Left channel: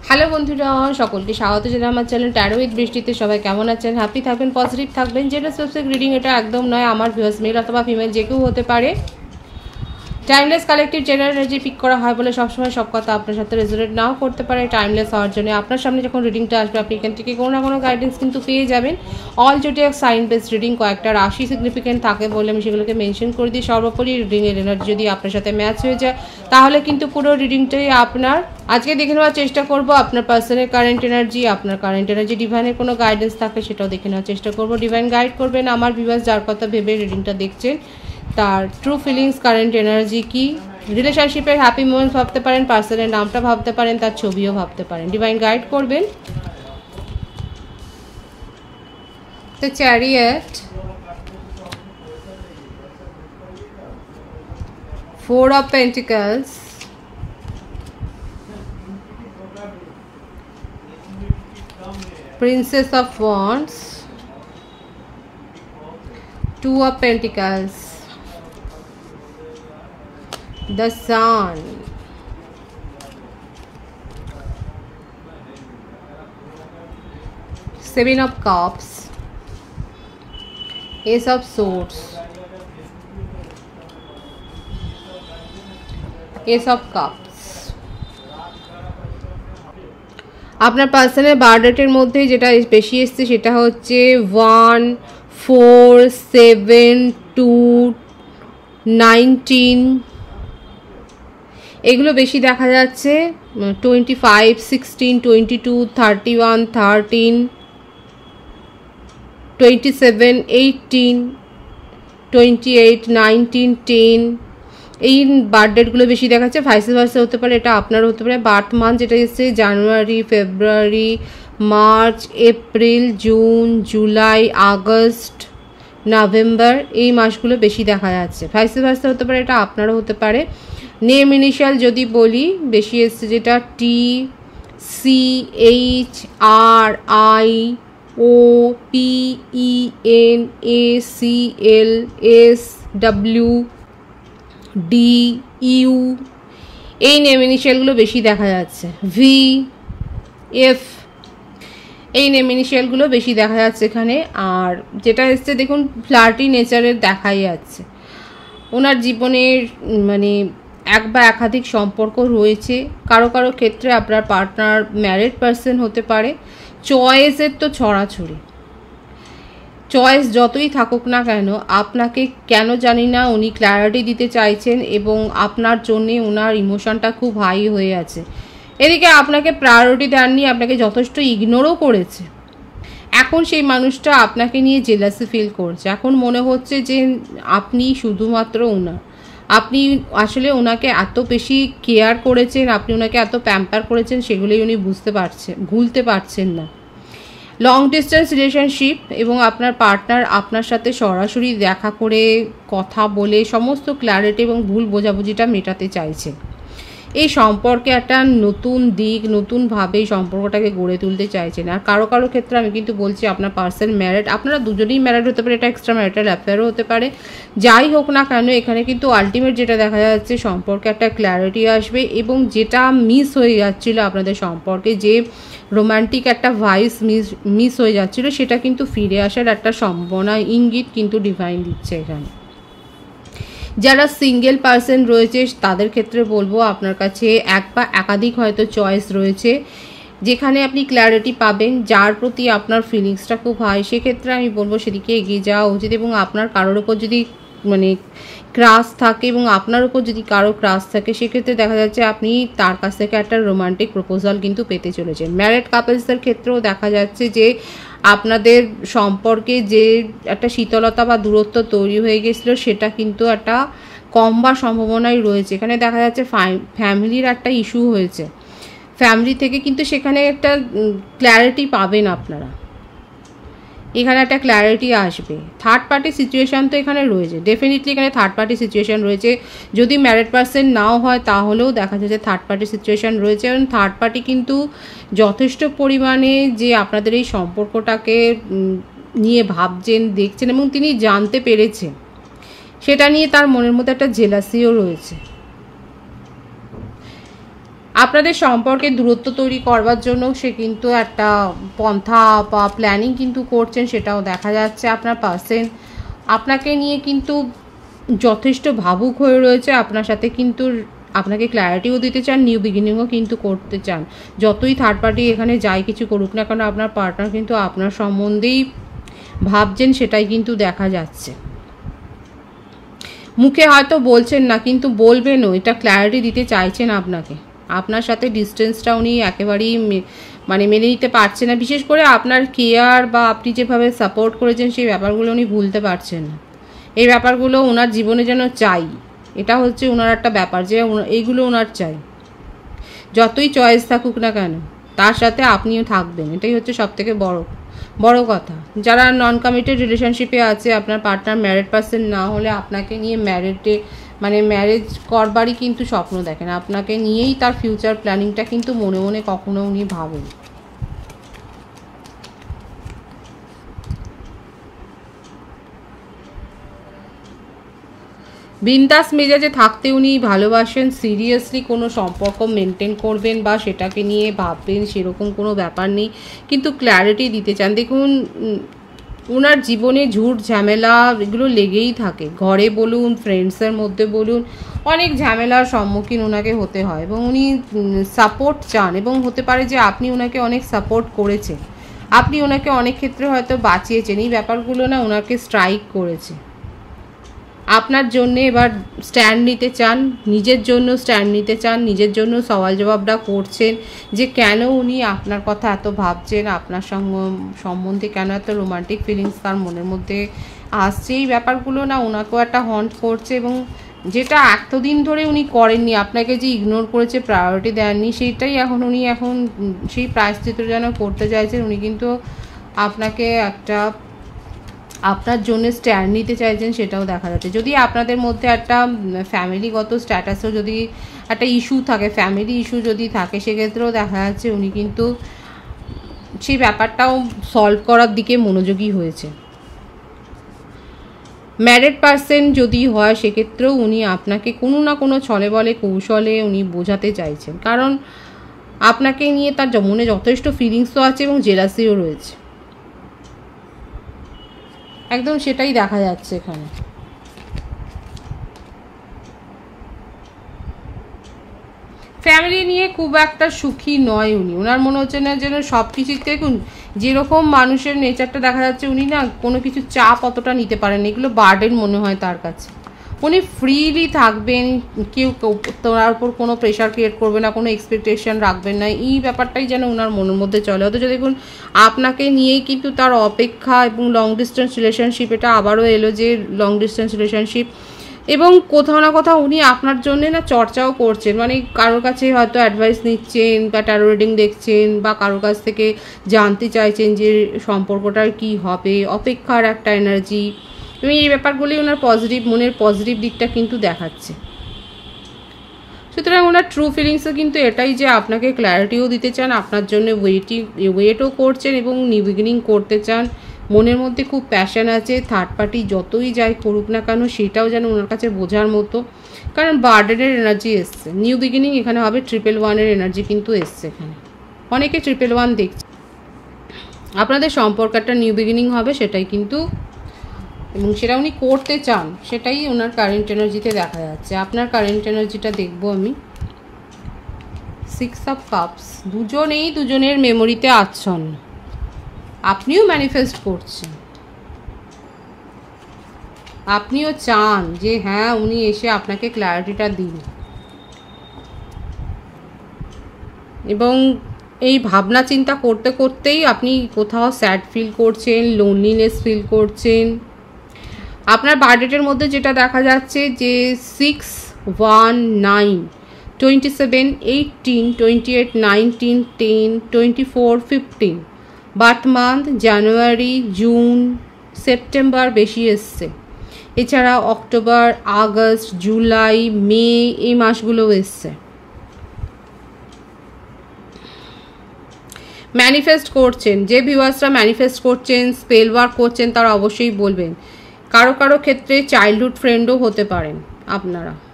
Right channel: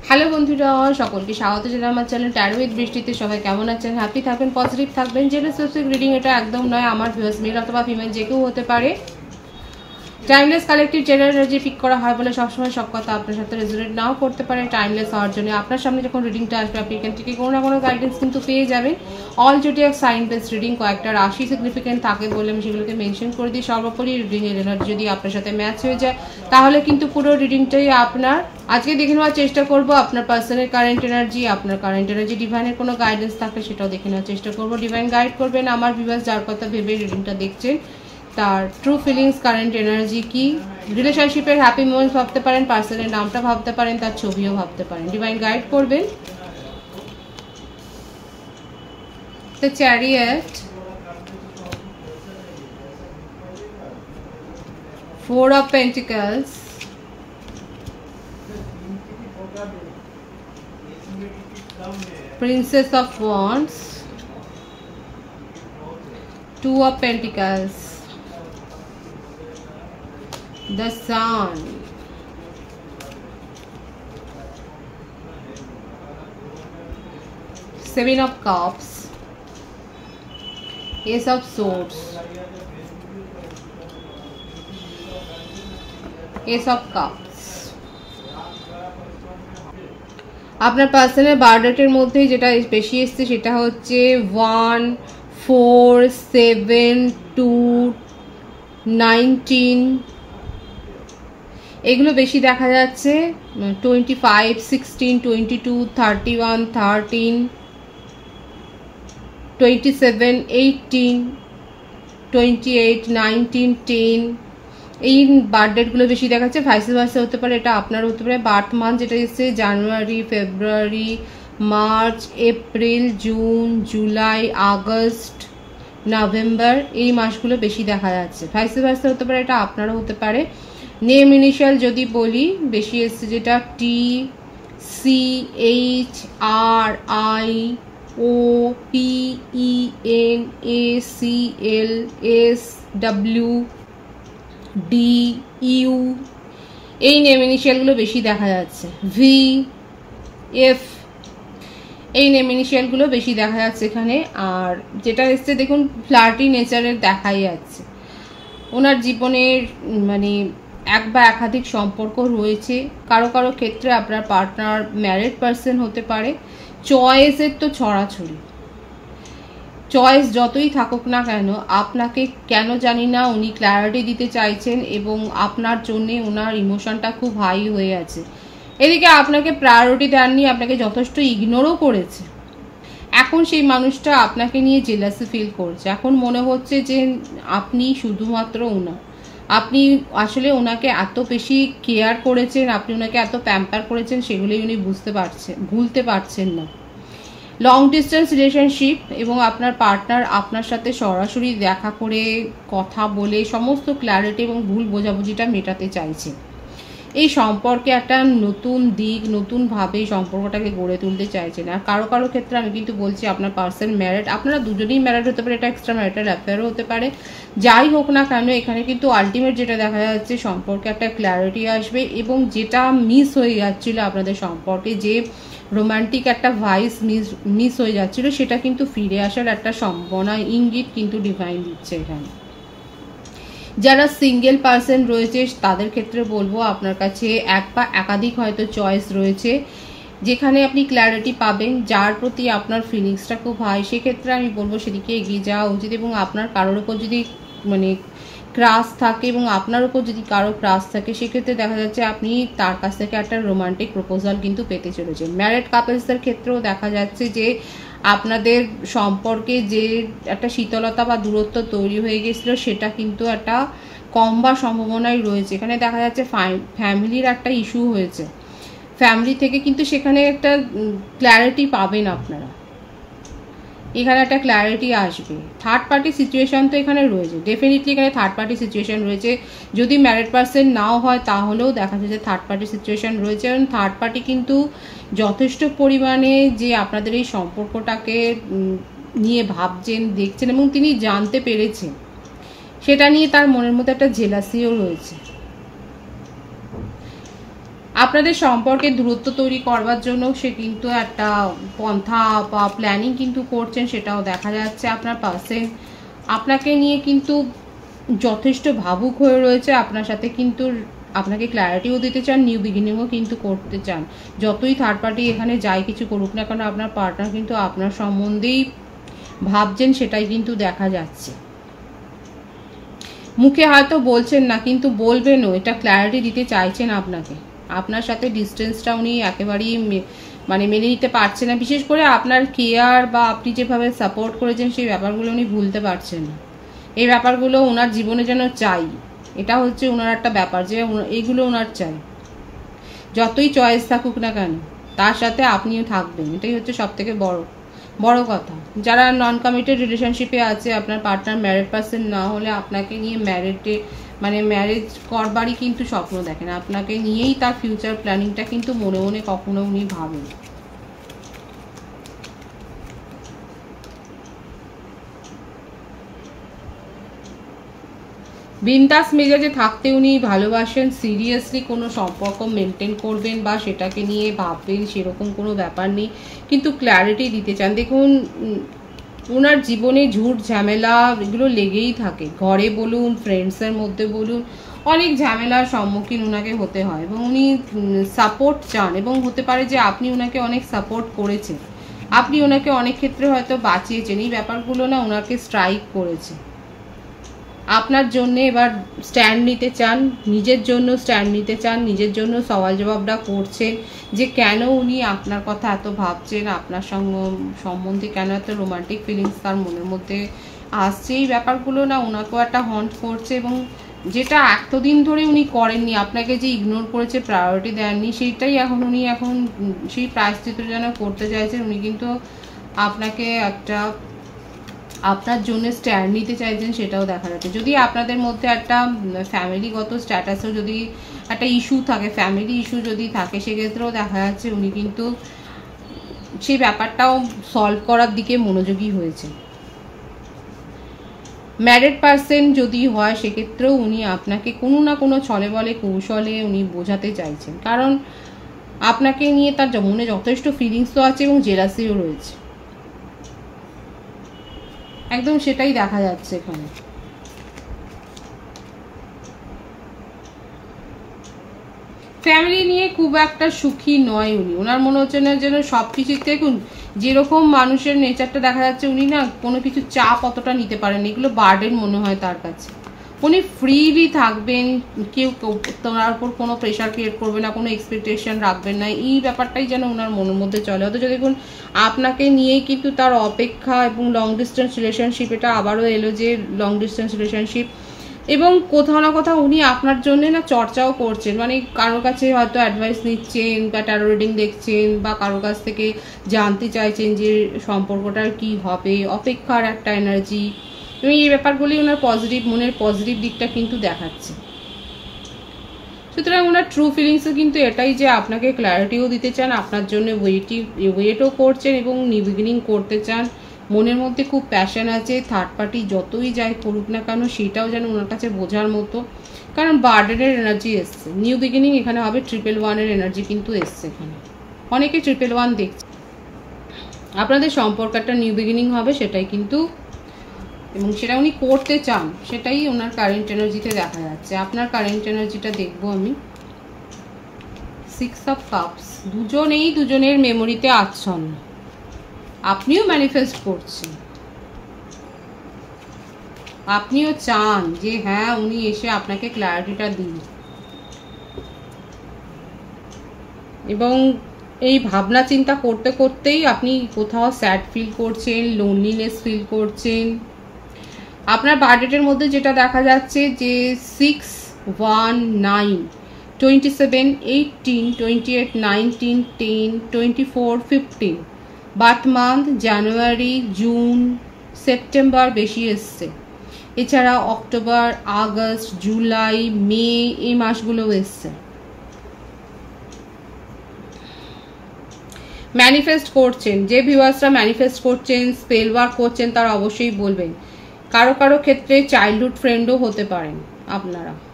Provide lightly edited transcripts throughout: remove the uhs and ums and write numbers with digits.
Hello বন্ধুরা, সকলকে স্বাগত জানাই আমার চ্যানেল ট্যারো উইথ বৃষ্টিতে। সবাই কেমন আছেন? হ্যাপি থাকবেন, পজিটিভ থাকবেন। জেনারেল স্পেসিফিক রিডিং এটা একদম নয়, আমার ভিউয়ার্স মেল অথবা ফিমেল যে কেউ হতে পারে। Timeless collective general energy pick করা হয় বলে সবসময় সব কথা আপনার সাথে রেজোনেট নাও করতে পারে। টাইমলেস হওয়ার জন্য আপনার সামনে যখন রিডিংটা আসবে আপনি এখান থেকে কোনো না কোনো গাইডেন্স কিন্তু পেয়ে যাবেন। All zodiac sign base reading, কয়েকটা রাশি সিগনিফিকেন্ট থাকে বলে আমি সেগুলোকে মেনশন করে দিই। সর্বোপরি রিডিংয়ের এনার্জি যদি আপনার সাথে ম্যাচ হয়ে যায় তাহলে কিন্তু পুরো রিডিংটাই আপনার। আজকে দেখে নেওয়ার চেষ্টা করব আপনার পার্সনের কারেন্ট এনার্জি, আপনার কারেন্ট এনার্জি ডিভাইনের কোনো গাইডেন্স থাকলে সেটাও দেখে নেওয়ার চেষ্টা করব। ডিভাইন গাইড করবেন আমার ভিউয়ার্স যার কথা ভেবে রিডিংটা দেখছেন, তার ট্রু ফিলিংস, কারেন্ট এনার্জি কি, রিলেশনশিপের হ্যাপি মোমেন্টস ভাবতে পারেন, পার্সনের নামটা ভাবতে পারেন, তার ছবিও ভাবতে পারেন। ডিভাইন গাইড করবেন। The chariot, 4 of Pentacles, Princess of Wands, 2 of Pentacles, the Sun, Seven of Cups, Ace of Swords, Ace of Cups। আপনার পার্সনের বার্থডেটের মধ্যেই যেটা বেশি এসছে সেটা হচ্ছে 1, 4, 7, 2, 19, এগুলো বেশি দেখা যাচ্ছে। 25, 16, 22, 31, 13, 27, 18, 28, 19, 10, এই বার্থডেটগুলো বেশি দেখাচ্ছে। ভাইস ভার্সা হতে পারে, এটা আপনার হতে পারে। বার্থ মান্থ যেটা এসছে January, February, March, April, June, July, August, November, এই মাসগুলো বেশি দেখা যাচ্ছে। ভাইস ভার্সা হতে পারে, এটা আপনারও হতে পারে। নেম ইনিশিয়াল যদি বলি বেশি এসছে যেটা T, C, H, R, I, O, P, E, N, A, C, L, S, W, D, U, এই নেম ইনিশিয়ালগুলো বেশি দেখা যাচ্ছে। ভি, এফ, এই নেম ইনিশিয়ালগুলো বেশি দেখা যাচ্ছে এখানে। আর যেটা এসছে দেখুন ফ্লার্টি নেচারের দেখাই যাচ্ছে। ওনার জীবনের মানে এক বা একাধিক সম্পর্ক রয়েছে। কারো কারো ক্ষেত্রে আপনার পার্টনার ম্যারিড পার্সন হতে পারে। চয়েসের তো ছড়াছড়ি, চয়েস যতই থাকুক না কেন আপনাকে কেন জানি না উনি ক্ল্যারিটি দিতে চাইছেন এবং আপনার জন্যে ওনার ইমোশনটা খুব হাই হয়ে আছে। এদিকে আপনাকে প্রায়োরিটি দেননি, আপনাকে যথেষ্ট ইগনোরও করেছে। এখন সেই মানুষটা আপনাকে নিয়ে জেলাসি ফিল করছে। এখন মনে হচ্ছে যে আপনি শুধুমাত্র ওনার, আপনি আসলে ওনাকে এত বেশি কেয়ার করেছেন, আপনি ওনাকে এত প্যাম্পার করেছেন, সেগুলোই উনি ভুলতে পারছেন না। লং ডিস্টেন্স রিলেশনশিপ এবং আপনার পার্টনার আপনার সাথে সরাসরি দেখা করে কথা বলে সমস্ত ক্ল্যারিটি এবং ভুল বোঝাবুঝিটা মেটাতে চাইছে। এই সম্পর্কে একটা নতুন দিক, নতুনভাবে এই সম্পর্কটাকে গড়ে তুলতে চাইছেন। আর কারো কারো ক্ষেত্রে আমি কিন্তু বলছি আপনার পার্সন ম্যারিড, আপনারা দুজনেই ম্যারিড হতে পারে, এটা এক্সট্রা ম্যারিটাল অ্যাফেয়ারও হতে পারে। যাই হোক না কেন এখানে কিন্তু আলটিমেট যেটা দেখা যাচ্ছে সম্পর্কে একটা ক্ল্যারিটি আসবে এবং যেটা মিস হয়ে যাচ্ছিল আপনাদের সম্পর্কে, যে রোমান্টিক একটা ভাইস মিস হয়ে যাচ্ছিল, সেটা কিন্তু ফিরে আসার একটা সম্ভাবনা ইঙ্গিত কিন্তু ডিভাইন দিচ্ছে এখানে। যারা সিঙ্গেল পার্সন রয়েছে তাদের ক্ষেত্রে বলবো আপনার কাছে এক বা একাধিক হয়তো চয়েস রয়েছে যেখানে আপনি ক্ল্যারিটি পাবেন, যার প্রতি আপনার ফিলিংসটা খুব হাই। সেক্ষেত্রে আমি বলবো সেদিকে এগিয়ে যাওয়া উচিত। এবং আপনার কারোর ওপর যদি মানে ক্রাশ থাকে এবং আপনার উপর যদি কারো ক্রাশ থাকে সেক্ষেত্রে দেখা যাচ্ছে আপনি তার কাছ থেকে একটা রোমান্টিক প্রপোজাল কিন্তু পেতে চলেছেন। ম্যারিড কাপলসদের ক্ষেত্রেও দেখা যাচ্ছে যে আপনাদের সম্পর্কে যে একটা শীতলতা বা দূরত্ব তৈরি হয়ে গেছিলো সেটা কিন্তু একটা কমবার সম্ভাবনাই রয়েছে। এখানে দেখা যাচ্ছে ফ্যামিলির একটা ইস্যু হয়েছে, ফ্যামিলি থেকে কিন্তু সেখানে একটা ক্ল্যারিটি পাবেন আপনারা, এখানে একটা ক্ল্যারিটি আসবে। থার্ড পার্টি সিচুয়েশান তো এখানে রয়েছে, ডেফিনেটলি এখানে থার্ড পার্টি সিচুয়েশান রয়েছে। যদি ম্যারিড পার্সন নাও হয় তাহলেও দেখা যাচ্ছে থার্ড পার্টি সিচুয়েশান রয়েছে। এবং থার্ড পার্টি কিন্তু যথেষ্ট পরিমাণে যে আপনাদের এই সম্পর্কটাকে নিয়ে ভাবছেন, দেখছেন এবং তিনি জানতে পেরেছেন, সেটা নিয়ে তার মনের মধ্যে একটা জেলাসিও রয়েছে। আপনাদের সম্পর্কে দূরত্ব তৈরি করবার জন্য সে কিন্তু একটা পন্থা বা প্ল্যানিং কিন্তু করছেন, সেটাও দেখা যাচ্ছে। আপনার পার্সন আপনাকে নিয়ে কিন্তু যথেষ্ট ভাবুক হয়ে রয়েছে, আপনার সাথে কিন্তু আপনাকে ক্ল্যারিটিও দিতে চান, নিউ বিগিনিংও কিন্তু করতে চান। যতই থার্ড পার্টি এখানে যাই কিছু করুক না কেন, আপনার পার্টনার কিন্তু আপনার সম্বন্ধেই ভাবছেন, সেটাই কিন্তু দেখা যাচ্ছে। মুখে হয়তো বলছেন না, কিন্তু বলবেনও, এটা ক্ল্যারিটি দিতে চাইছেন আপনাকে। আপনার সাথে ডিস্টেন্সটা উনি একেবারেই মানে মেনে নিতে পারছেন না। বিশেষ করে আপনার কেয়ার বা আপনি যেভাবে সাপোর্ট করেছেন সেই ব্যাপারগুলো উনি ভুলতে পারছেন না। এই ব্যাপারগুলো ওনার জীবনে যেন চাই, এটা হচ্ছে ওনার একটা ব্যাপার যে এইগুলো ওনার চাই। যতই চয়েস থাকুক না কেন তার সাথে আপনিও থাকবেন, এটাই হচ্ছে সবথেকে বড় কথা। যারা নন কমিটেড রিলেশনশিপে আছে, আপনার পার্টনার ম্যারিড পার্সন না হলে আপনাকে নিয়ে ম্যারেজ করবারই কিন্তু স্বপ্ন দেখেন, আপনাকে নিয়েই তার ফিউচার প্ল্যানিংটা কিন্তু মনে মনে কখনো উনি ভাবেন। বিন্দাস মেজাজে থাকতে উনি ভালোবাসেন, সিরিয়াসলি কোনো সম্পর্ক মেনটেন করবেন বা সেটাকে নিয়ে ভাববেন সেরকম কোনো ব্যাপার নেই, কিন্তু ক্ল্যারিটি দিতে চান। দেখুন, ওনার জীবনে ঝুট ঝামেলা এগুলো লেগেই থাকে, ঘরে বলুন, ফ্রেন্ডসের মধ্যে বলুন, অনেক ঝামেলার সম্মুখীন ওনাকে হতে হয় এবং উনি সাপোর্ট চান। এবং হতে পারে যে আপনি ওনাকে অনেক সাপোর্ট করেছেন, আপনি ওনাকে অনেক ক্ষেত্রে হয়তো বাঁচিয়েছেন, এই ব্যাপারগুলো না ওনাকে স্ট্রাইক করেছে। আপনার জন্য এবার স্ট্যান্ড নিতে চান, নিজের জন্য স্ট্যান্ড নিতে চান, নিজের জন্য সওয়াল জবাবটা করছেন যে কেন উনি আপনার কথা এত ভাবছেন, আপনার সম্বন্ধে কেন এত রোমান্টিক ফিলিংস তার মনের মধ্যে আসছে। এই ব্যাপারগুলো না ওনাকেও একটা হন্ট করছে এবং যেটা এতদিন ধরে উনি করেননি, আপনাকে যে ইগনোর করেছে, প্রায়োরিটি দেননি, সেইটাই উনি এখন সেই প্রায়শ্চিত্ত যেন করতে চাইছেন। উনি কিন্তু আপনাকে আপনার জন্য স্ট্যান্ড নিতে চাইছেন, সেটাও দেখা যাচ্ছে। যদি আপনাদের মধ্যে একটা ফ্যামিলিগত স্ট্যাটাসও যদি একটা ইস্যু থাকে, ফ্যামিলি ইস্যু যদি থাকে, সেক্ষেত্রেও দেখা যাচ্ছে উনি কিন্তু সেই ব্যাপারটাও সলভ করার দিকে মনোযোগী হয়েছে। ম্যারিড পার্সন যদি হয় সেক্ষেত্রেও উনি আপনাকে কোনো না কোনো ছলে বলে কৌশলে উনি বোঝাতে চাইছেন, কারণ আপনাকে নিয়ে তার মনে যথেষ্ট ফিলিংসও আছে এবং জেলাসিও রয়েছে, একদম সেটাই দেখা যাচ্ছে এখানে। ফ্যামিলি নিয়ে খুব একটা সুখী নয় উনি, ওনার মনে হচ্ছে না যেন সব কিছুতে যেরকম মানুষের নেচারটা দেখা যাচ্ছে, উনি না কোনো কিছু চাপ অতটা নিতে পারেন, এগুলো বার্ডেন মনে হয় তার কাছে। উনি ফ্রিলি থাকবেন, কেউ তার উপর কোনো প্রেশার ক্রিয়েট করবে না, কোনো এক্সপেকটেশন রাখবেন না, এই ব্যাপারটাই যেন ওনার মনের মধ্যে চলে। অথচ দেখুন আপনাকে নিয়েই কিন্তু তার অপেক্ষা, এবং লং ডিস্টেন্স রিলেশনশিপ, এটা আবারও এলো যে লং ডিস্টেন্স রিলেশনশিপ, এবং কোথাও না কোথাও উনি আপনার জন্য না চর্চাও করছেন, মানে কারোর কাছে হয়তো অ্যাডভাইস নিচ্ছেন বা ট্যারো রিডিং দেখছেন বা কারোর কাছ থেকে জানতে চাইছেন যে সম্পর্কটার কি হবে, অপেক্ষার একটা এনার্জি, এবং এই ব্যাপারগুলি ওনার মনের পজিটিভ দিকটা কিন্তু দেখাচ্ছে। সুতরাং ওনার ট্রু ফিলিংসও কিন্তু এটাই যে আপনাকে ক্ল্যারিটিও দিতে চান, আপনার জন্য ওয়েটও করছেন এবং নিউ বিগিনিং করতে চান। মনের মধ্যে খুব প্যাশন আছে, থার্ড পার্টি যতই যাই করুক না কেন সেটাও যেন ওনার কাছে বোঝার মতো, কারণ বার্ডেনের এনার্জি এসছে। নিউ বিগিনিং এখানে হবে, 111-এর এনার্জি কিন্তু এসছে এখানে, অনেকে 111 দেখছে। আপনাদের সম্পর্ক একটা নিউ বিগিনিং হবে, সেটাই কিন্তু, এবং সেটা উনি করতে চান, সেটাই ওনার কারেন্ট এনার্জিতে দেখা যাচ্ছে। আপনার কারেন্ট এনার্জিটা দেখবো আমি। 6 অফ কাপস, দুজনের মেমোরিতে আচ্ছন্ন, আপনিও ম্যানিফেস্ট করছেন, আপনিও চান যে হ্যাঁ উনি এসে আপনাকে ক্ল্যারিটিটা দিন, এবং এই ভাবনা চিন্তা করতে করতেই আপনি কোথাও স্যাড ফিল করছেন, লোনলিনেস ফিল করছেন। আপনার বার্থডেটের মধ্যে যেটা দেখা যাচ্ছে যে 6, 1, 9, 27, 18, 28, 19, 10, 24, 15, বার্থ মান্থ জানুয়ারি, জুন, সেপ্টেম্বর বেশি এসছে, এছাড়া অক্টোবর, আগস্ট, জুলাই, মে, এই মাসগুলো এসছে। ম্যানিফেস্ট করছেন, যে ভিউয়ার্সরা ম্যানিফেস্ট করছেন, স্পেল ওয়ার্ক করছেন, তারা অবশ্যই বলবেন। কারো কারো ক্ষেত্রে চাইল্ডহুড ফ্রেন্ডও হতে পারেন আপনারা,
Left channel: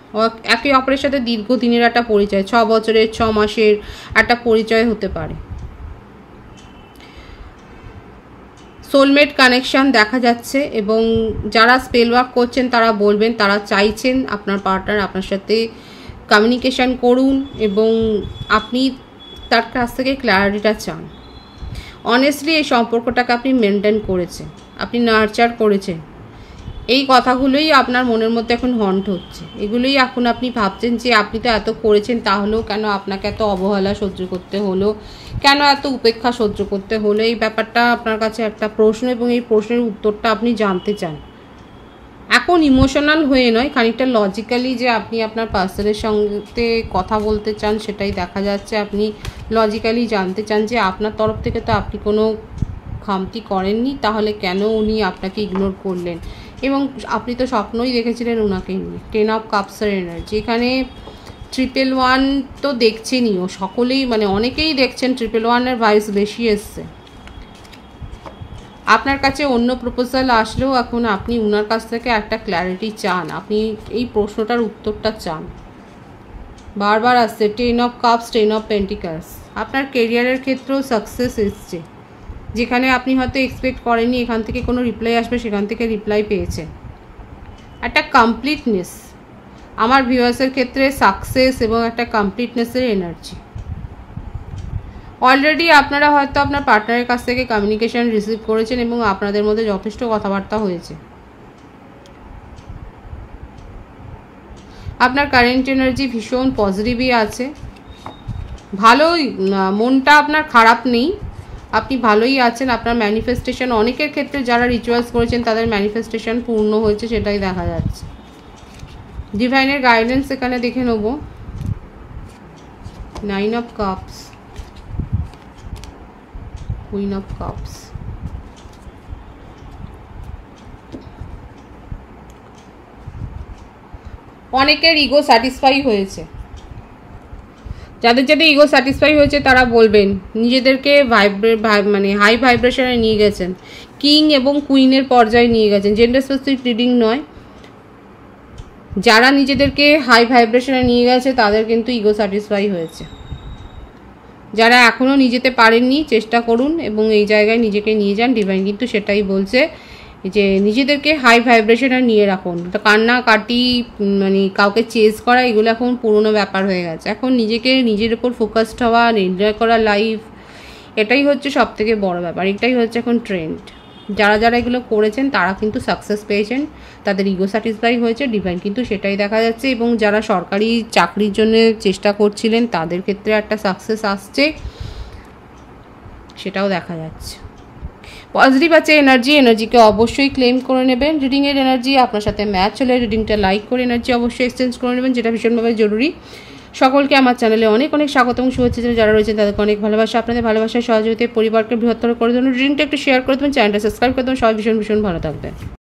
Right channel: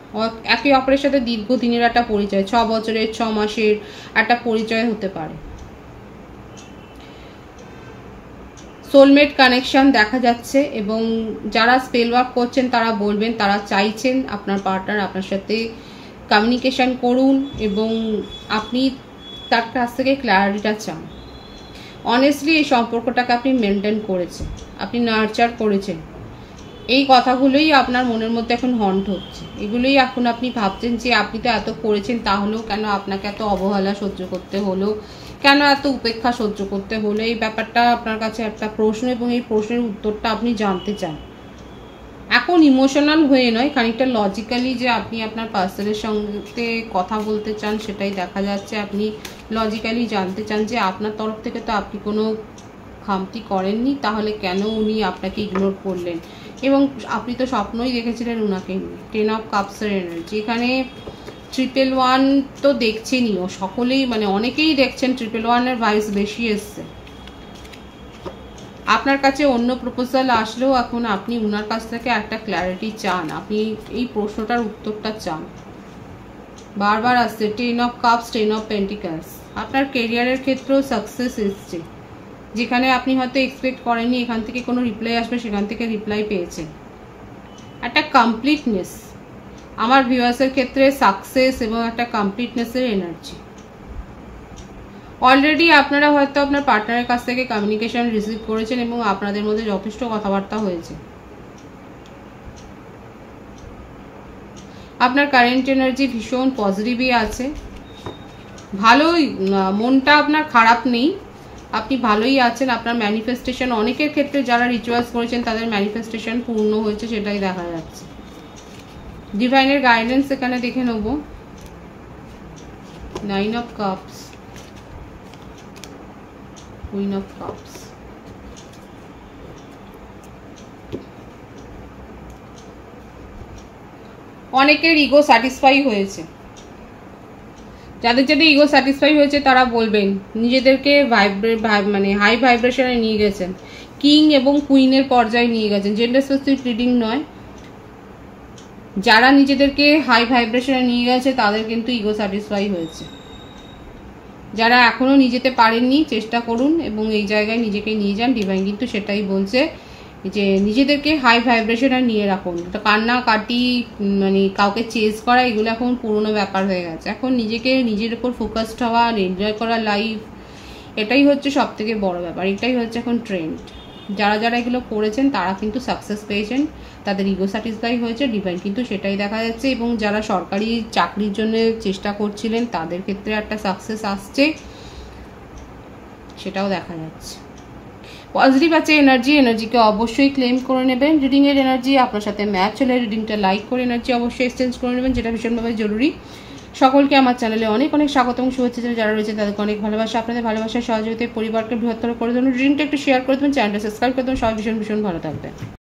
একে অপরের সাথে দীর্ঘদিনের একটা পরিচয়, 6 বছরের 6 মাসের একটা পরিচয় হতে পারে। সোলমেট কানেকশন দেখা যাচ্ছে, এবং যারা স্পেল ওয়ার্ক করছেন তারা বলবেন তারা চাইছেন আপনার পার্টনার আপনার সাথে কমিউনিকেশন করুন এবং আপনি তার কাছ থেকে ক্ল্যারিটিটা চান। অনেস্টলি এই সম্পর্কটাকে আপনি মেনটেন করেছেন, আপনি নার্চার করেছেন, এই কথাগুলোই আপনার মনের মধ্যে এখন হন্ট হচ্ছে। এগুলোই এখন আপনি ভাবছেন যে আপনি তো এত করেছেন, তাহলেও কেন আপনাকে এত অবহেলা সহ্য করতে হলো, কেন এত উপেক্ষা সহ্য করতে হলো। এই ব্যাপারটা আপনার কাছে একটা প্রশ্ন, এবং এই প্রশ্নের উত্তরটা আপনি জানতে চান। এখন ইমোশনাল হয়ে নয়, খানিকটা লজিক্যালি যে আপনি আপনার পার্সনের সঙ্গে কথা বলতে চান, সেটাই দেখা যাচ্ছে। আপনি লজিক্যালি জানতে চান যে আপনার তরফ থেকে তো আপনি কোনো খামতি করেননি, তাহলে কেন উনি আপনাকে ইগনোর করলেন। এবং আপনি তো স্বপ্নই দেখেছিলেন ওনাকে নিয়ে। 10 অফ কাপসের এনার্জি, এখানে 111 তো দেখছেনইও সকলেই, মানে অনেকেই দেখছেন 111-এর ভাইবস বেশি এসছে। আপনার কাছে অন্য প্রপোজাল আসলেও এখন আপনি ওনার কাছ থেকে একটা ক্ল্যারিটি চান, আপনি এই প্রশ্নটার উত্তরটা চান। বারবার আসছে 10 অফ কাপস, 10 অফ পেন্টিকলস। আপনার কেরিয়ারের ক্ষেত্রেও সাকসেস এসছে, যেখানে আপনি হয়তো এক্সপেক্ট করেননি এখান থেকে কোনো রিপ্লাই আসবে, সেখান থেকে রিপ্লাই পেয়েছেন। একটা কমপ্লিটনেস আমার ভিউয়ার্সের ক্ষেত্রে, সাকসেস এবং একটা কমপ্লিটনেসের এনার্জি। অলরেডি আপনারা হয়তো আপনার পার্টনারের কাছ থেকে কমিউনিকেশন রিসিভ করেছেন এবং আপনাদের মধ্যে যথেষ্ট কথাবার্তা হয়েছে। আপনার কারেন্ট এনার্জি ভীষণ পজিটিভই আছে, ভালোই, মনটা আপনার খারাপ নেই, আপনি ভালোই আছেন। আপনার ম্যানিফেস্টেশন, অনেকের ক্ষেত্রে যারা রিচুয়ালস করেছেন তাদের ম্যানিফেস্টেশন পূর্ণ হয়েছে, সেটাই দেখা যাচ্ছে। ডিভাইনের গাইডেন্স এখানে দেখে নেব। 9 of cups, queen of cups. অনেকের ইগো স্যাটিসফাই হয়েছে, যাদের যাদের ইগো স্যাটিসফাই হয়েছে তারা বলবেন নিজেদেরকে মানে হাই ভাইব্রেশনে নিয়ে গেছেন, কিং এবং কুইনের পর্যায়ে নিয়ে গেছেন। জেন্ডার স্পেসিফিক রিডিং নয়, যারা নিজেদেরকে হাই ভাইব্রেশনে নিয়ে গেছে তাদের কিন্তু ইগো স্যাটিসফাই হয়েছে। যারা এখনও নিজেতে পারেননি চেষ্টা করুন এবং এই জায়গায় নিজেকে নিয়ে যান। ডিভাইন কিন্তু সেটাই বলছে যে নিজেদেরকে হাই ভাইব্রেশনে নিয়ে রাখুন। কান্নাকাটি, মানে কাউকে চেজ করা, এগুলো এখন পুরনো ব্যাপার হয়ে গেছে। এখন নিজেকে নিজের উপর ফোকাসড হওয়া, এনজয় করা লাইফ, এটাই হচ্ছে সব থেকে বড় ব্যাপার, এটাই হচ্ছে এখন ট্রেন্ড। যারা যারা এগুলো করেছেন তারা কিন্তু সাকসেস পেয়েছেন, তাদের ইগো স্যাটিসফাই হয়েছে। ডিভাইন কিন্তু সেটাই দেখা যাচ্ছে। এবং যারা সরকারি চাকরির জন্য চেষ্টা করছিলেন তাদের ক্ষেত্রে একটা সাকসেস আসছে, সেটাও দেখা যাচ্ছে। পজিটিভ আছে এনার্জি, এনার্জিকে অবশ্যই ক্লেম করে নেবেন। রিডিংয়ের এনার্জি আপনার সাথে ম্যাচ হলে রিডিংটা লাইক করে এনার্জি অবশ্যই এক্সচেঞ্জ করে নেবেন, যেটা ভীষণভাবে জরুরি। সকলকে আমার চ্যানেলে অনেক অনেক স্বাগতম, শুভেচ্ছা। যারা রয়েছে তাদেরকে অনেক ভালোবাসা। আপনাদের ভালোবাসায় সহযোগিতায় পরিবারকে বৃহত্তর করে দেবেন। রিডিংটা একটু শেয়ার করে দেবেন, চ্যানেলটা সাবস্ক্রাইব করে দেবেন। সবাই ভীষণ ভীষণ ভালো থাকবেন।